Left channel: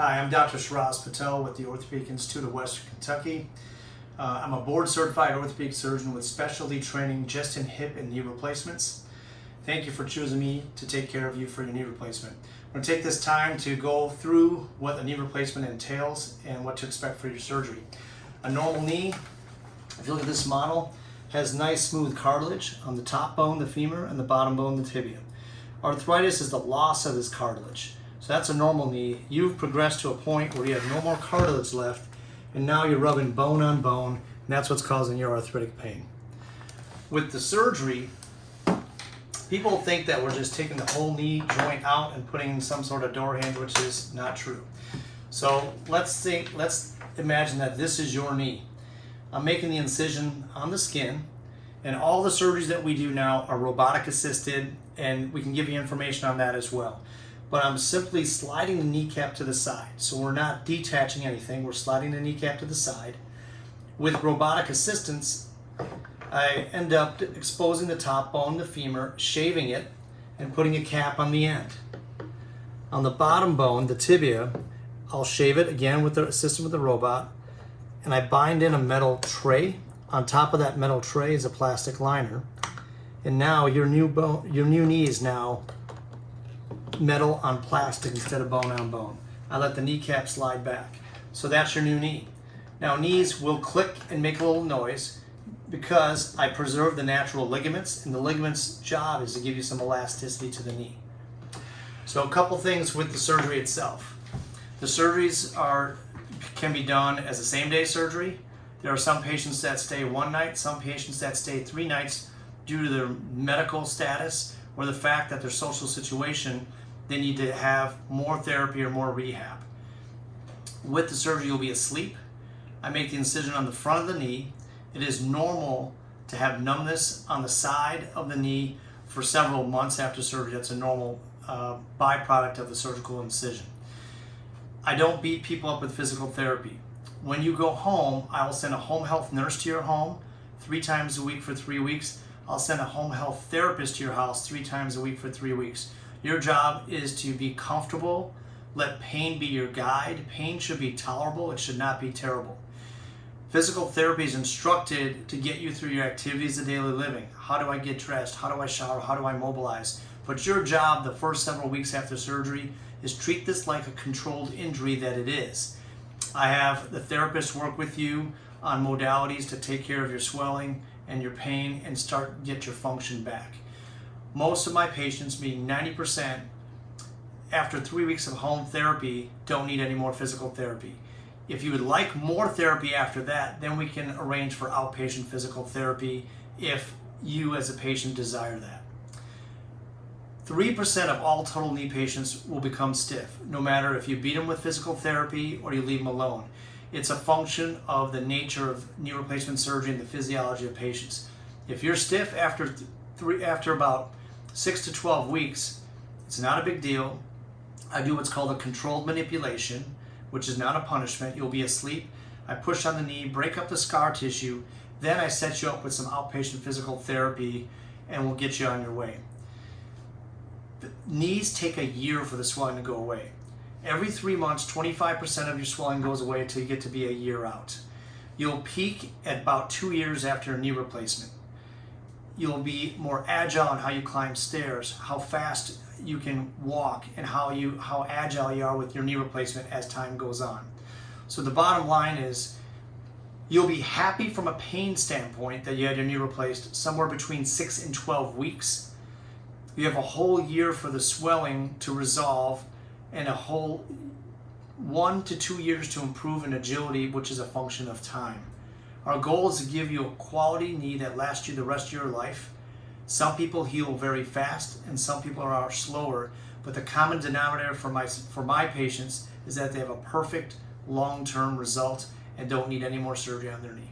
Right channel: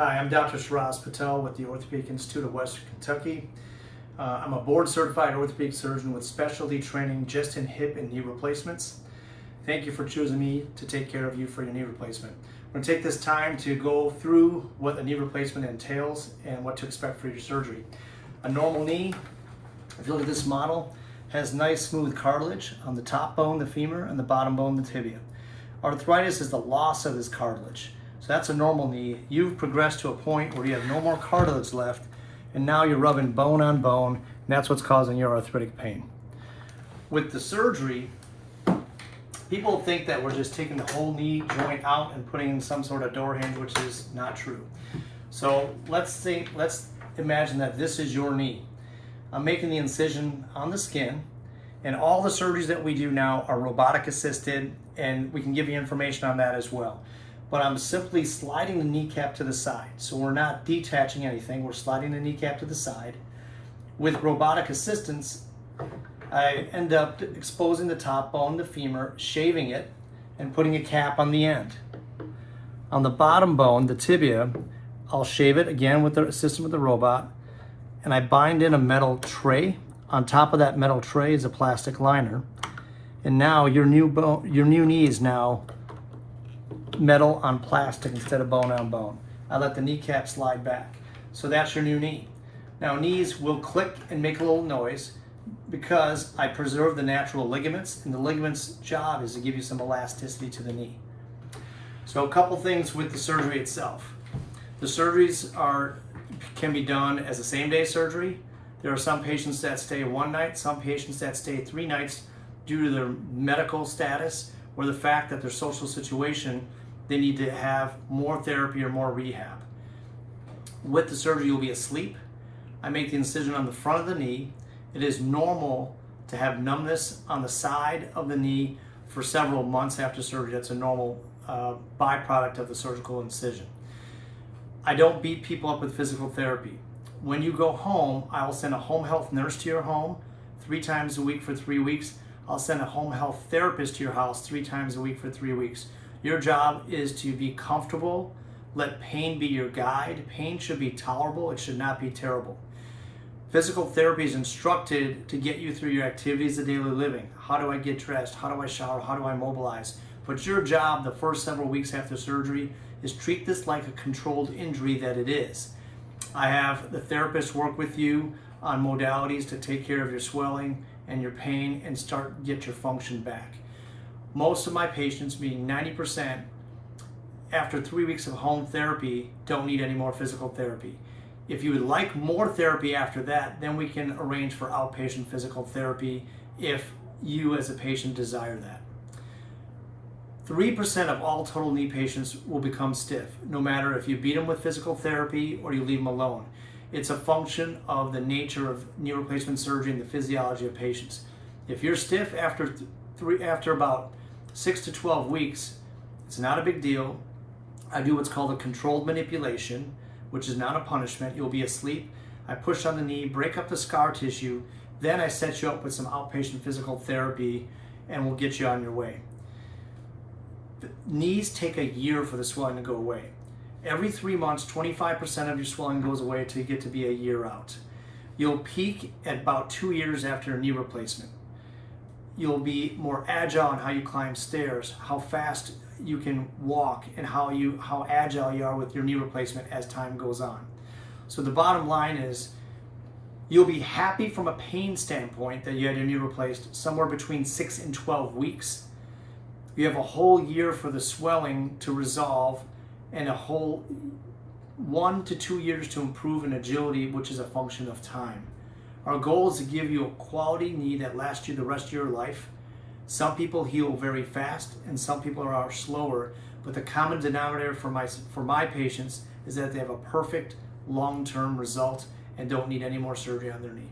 Hi, I'm Dr. Shiraz Patel with the Orthopedic Institute of Western Kentucky. I'm a board-certified orthopedic surgeon with specialty training just in hip and knee replacements. Thank you for choosing me to take care of you for your knee replacement. I'm going to take this time to go through what a knee replacement entails and what to expect for your surgery. A normal knee, if you look at this model, has nice smooth cartilage on the top bone, the femur, and the bottom bone, the tibia. Arthritis is the loss of this cartilage. So that's a normal knee. You've progressed to a point where you have no more cartilage left, and now you're rubbing bone on bone, and that's what's causing your arthritic pain. With the surgery, people think that we're just taking the whole knee joint out and putting in some sort of door hinge, which is not true. So let's imagine that this is your knee. I'm making the incision on the skin, and all the surgeries that we do now are robotic assisted, and we can give you information on that as well. But I'm simply sliding the kneecap to the side. So we're not detaching anything, we're sliding the kneecap to the side. With robotic assistance, I end up exposing the top bone, the femur, shaving it, and putting a cap on the end. On the bottom bone, the tibia, I'll shave it again with the assistance with the robot, and I bind in a metal tray. On top of that metal tray is a plastic liner. And now your new knee is now metal on plastic instead of bone on bone. I let the kneecap slide back. So that's your new knee. Now knees will click and make a little noise because I preserve the natural ligaments, and the ligaments' job is to give you some elasticity to the knee. So a couple things with the surgery itself. The surgeries can be done as a same-day surgery. There are some patients that stay one night, some patients that stay 3 nights due to their medical status or the fact that their social situation, they need to have more therapy or more rehab. With the surgery, you'll be asleep. I make the incision on the front of the knee. It is normal to have numbness on the side of the knee for several months after surgery. That's a normal byproduct of the surgical incision. I don't beat people up with physical therapy. When you go home, I will send a home health nurse to your home 3 times a week for 3 weeks. I'll send a home health therapist to your house 3 times a week for 3 weeks. Your job is to be comfortable. Let pain be your guide. Pain should be tolerable. It should not be terrible. Physical therapy is instructed to get you through your activities of daily living. How do I get dressed? How do I shower? How do I mobilize? But your job the first several weeks after surgery is treat this like a controlled injury that it is. I have the therapist work with you on modalities to take care of your swelling and your pain and get your function back. Most of my patients, being 90%, after 3 weeks of home therapy, don't need any more physical therapy. If you would like more therapy after that, then we can arrange for outpatient physical therapy if you as a patient desire that. 3% of all total knee patients will become stiff, no matter if you beat them with physical therapy or you leave them alone. It's a function of the nature of knee replacement surgery and the physiology of patients. If you're stiff after about 6 to 12 weeks, it's not a big deal. I do what's called a controlled manipulation, which is not a punishment. You'll be asleep. I push on the knee, break up the scar tissue, then I set you up with some outpatient physical therapy and we'll get you on your way. The knees take a year for the swelling to go away. Every 3 months, 25% of your swelling goes away until you get to be a year out. You'll peak at about 2 years after a knee replacement. You'll be more agile in how you climb stairs, how fast you can walk, and how agile you are with your knee replacement as time goes on. So the bottom line is you'll be happy from a pain standpoint that you had your knee replaced somewhere between 6 and 12 weeks. You have a whole year for the swelling to resolve and a whole 1 to 2 years to improve in agility, which is a function of time. Our goal is to give you a quality knee that lasts you the rest of your life. Some people heal very fast and some people are slower, but the common denominator for my patients is that they have a perfect long-term result and don't need any more surgery on their knee.